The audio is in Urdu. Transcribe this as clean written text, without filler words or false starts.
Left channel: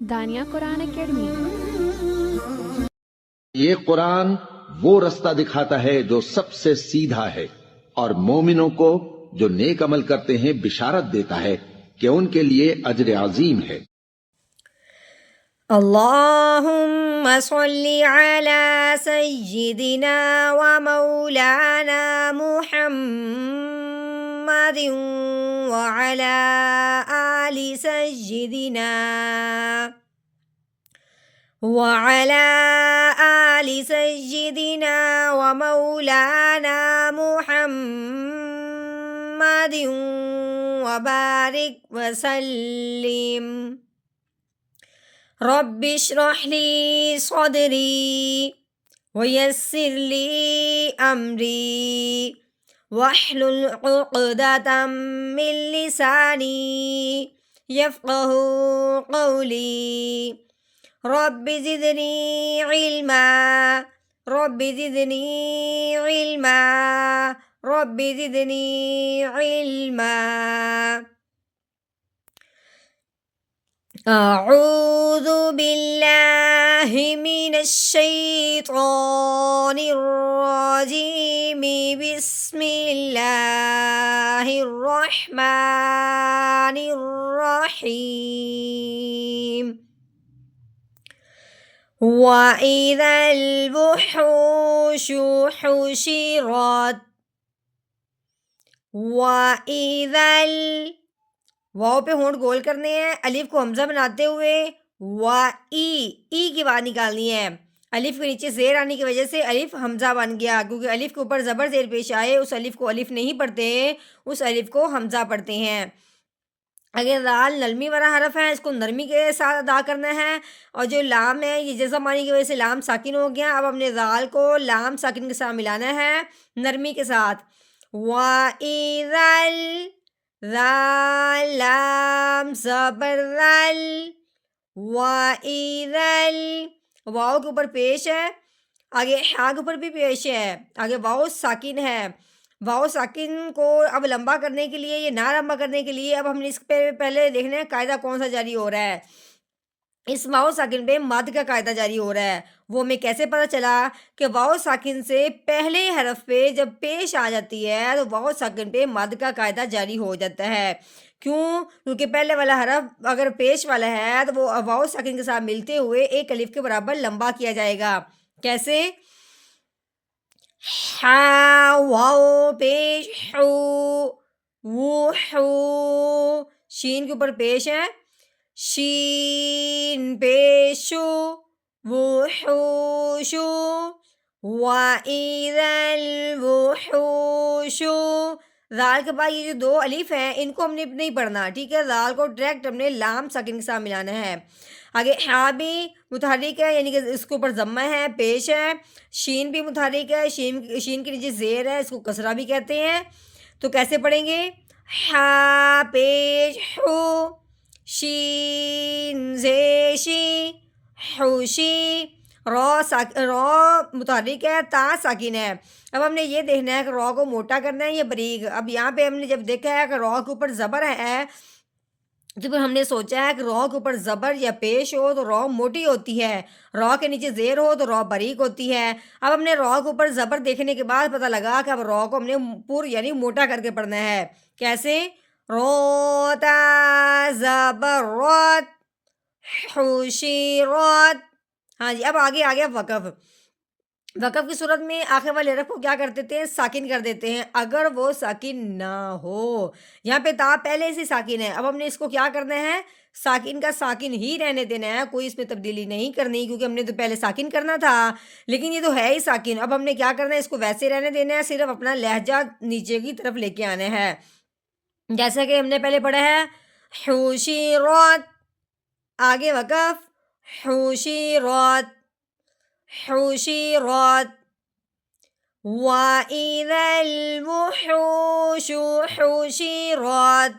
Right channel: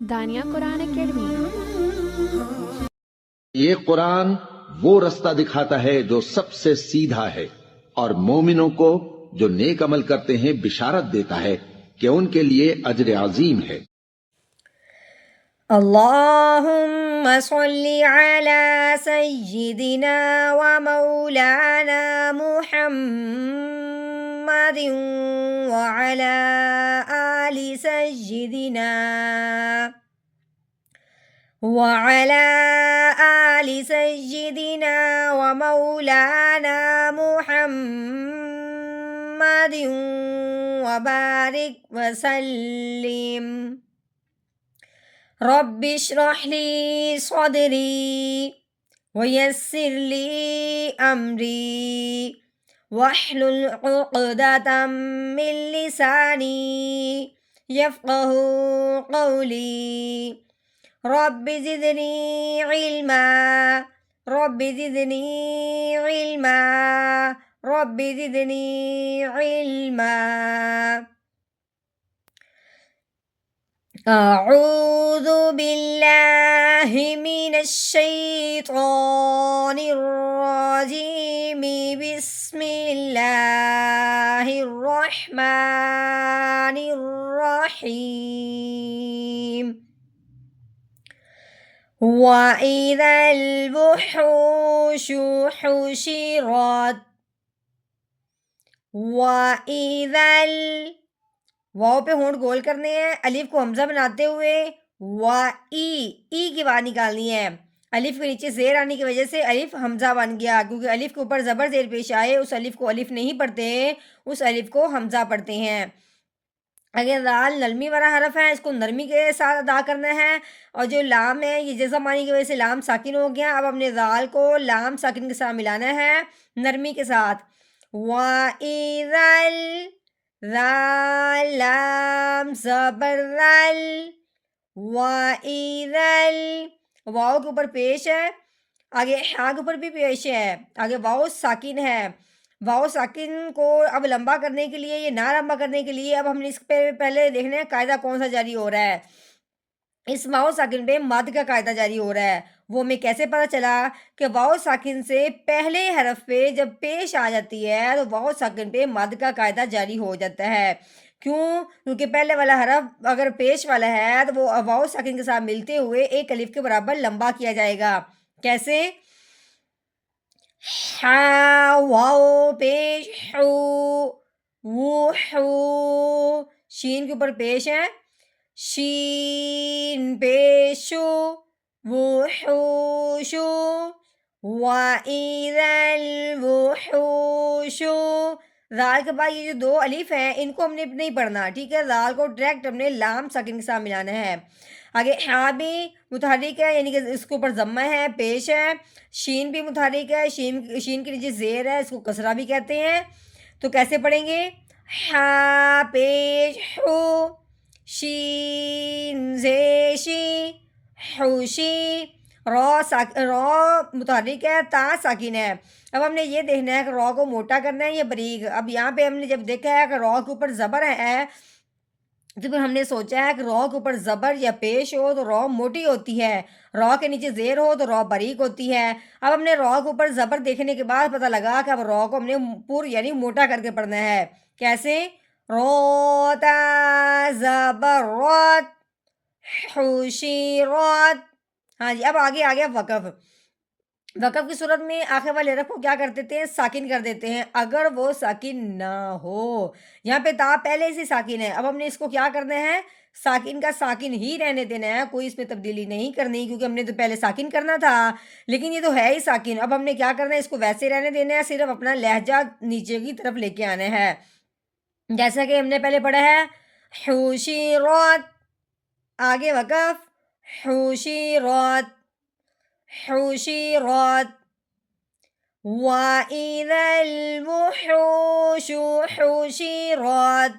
دانیہ قرآن اکیڈمی۔ یہ قرآن وہ رستہ دکھاتا ہے جو سب سے سیدھا ہے، اور مومنوں کو جو نیک عمل کرتے ہیں بشارت دیتا ہے کہ ان کے لیے اجر عظیم ہے۔ اللہم صلی علی سیدنا و مولانا محمد وعلی آل سیدنا وعلى آل سيدنا ومولانا محمد وبارك وسلم رب اشرح لي صدري ويسر لي أمري واحلل عقدة من لساني يفقه قولي رب زدنی علما رب زدنی علما رب زدنی علما۔ اعوذ باللہ من الشیطان الرجیم بسم اللہ الرحمن الرحیم۔ وَإِذَا الْوُحُوشُ حُشِرَتْ وَإِذَا واو پہ ہونٹ گول کرنے ہیں، الف کو حمزہ بناتے ہوئے ای کی بات نکالنی ہے۔ الف کے نیچے زیر آنے کی وجہ سے الف حمزہ بن گیا، کیونکہ الف کے اوپر زبر زیر پیش آئے اس الف کو الف نہیں پڑھتے، اس الف کو حمزہ پڑھتے ہیں۔ اگر دال نرمی والا حرف ہے، اس کو نرمی کے ساتھ ادا کرنا ہے، اور جو لام ہے یہ جزم آنے کی وجہ سے لام ساکن ہو گیا، اب ہم نے دال کو لام ساکن کے ساتھ ملانا ہے نرمی کے ساتھ۔ وَإِذَا الذال لام زبر ذل وَإِذَا واو کے اوپر پیش ہے، آگے ہا کے اوپر بھی پیش ہے، آگے واو ساکن ہے۔ واو ساکن کو اب لمبا کرنے کے لیے، یہ نہ لمبا کرنے کے لیے اب ہم نے اس پہ پہلے دیکھنا ہے قاعدہ کون سا جاری ہو رہا ہے۔ اس واو ساکن پہ مد کا قاعدہ جاری ہو رہا ہے۔ وہ ہمیں کیسے پتہ چلا کہ واو ساکن سے پہلے حرف پہ جب پیش آ جاتی ہے تو واو ساکن پہ مد کا قاعدہ جاری ہو جاتا ہے۔ کیوں؟ کیونکہ پہلے والا حرف اگر پیش والا ہے تو وہ واو ساکن کے ساتھ ملتے ہوئے ایک الف کے برابر لمبا کیا جائے گا۔ کیسے؟ ہا واو پیش ہو وحو، شین کے اوپر پیش ہے، شین پیشو وحوشو وَإِذَا الْوُحُوشُ۔ ذال کے بعد یہ جو دو الف ہیں ان کو ہم نے نہیں پڑھنا، ٹھیک ہے؟ ذال کو ڈائریکٹ ہم نے لام ساکن کے ساتھ ملانا ہے۔ آگے ہا بھی متحرک ہے، یعنی کہ اس کے اوپر ضمہ ہے، پیش ہے۔ شین بھی متحرک ہے، شین کے نیچے زیر ہے، اس کو کسرہ بھی کہتے ہیں۔ تو کیسے پڑھیں گے؟ ہا پیش ہو، شین زیشی حوشی، رو متحرک ہے، تا ساکن ہے۔ اب ہم نے یہ دیکھنا ہے کہ رو کو موٹا کرنا ہے یا باریک۔ اب یہاں پہ ہم نے جب دیکھا ہے کہ رو کے اوپر زبر ہے، کیونکہ ہم نے سوچا ہے کہ رو کے اوپر زبر یا پیش ہو تو رو موٹی ہوتی ہے، رو کے نیچے زیر ہو تو رو باریک ہوتی ہے۔ اب ہم نے رو کے اوپر زبر دیکھنے کے بعد پتہ لگا کہ اب رو کو ہم نے یعنی موٹا کر کے پڑھنا ہے۔ کیسے؟ روتا زبر روت حشیرات۔ ہاں جی، اب آگے آ گیا وقف۔ وقف کی صورت میں آخر والے حرف کو کیا کر دیتے ہیں؟ ساکن کر دیتے ہیں اگر وہ ساکن نہ ہو۔ یہاں پہ تا پہلے سے ساکن ہے، اب ہم نے اس کو کیا کرنا ہے؟ ساکن کا ساکن ہی رہنے دینا ہے، کوئی اس میں تبدیلی نہیں کرنی، کیونکہ ہم نے تو پہلے ساکن کرنا تھا لیکن یہ تو ہے ہی ساکن۔ اب ہم نے کیا کرنا ہے؟ اس کو ویسے رہنے دینا ہے، صرف اپنا لہجہ نیچے کی طرف لے کے آنا ہے۔ جیسا کہ ہم نے پہلے پڑھا ہے حشیرات، آگے وقف حشیرات حشیرات۔ وَإِذَا الْوُحُوشُ حُشِرَتْ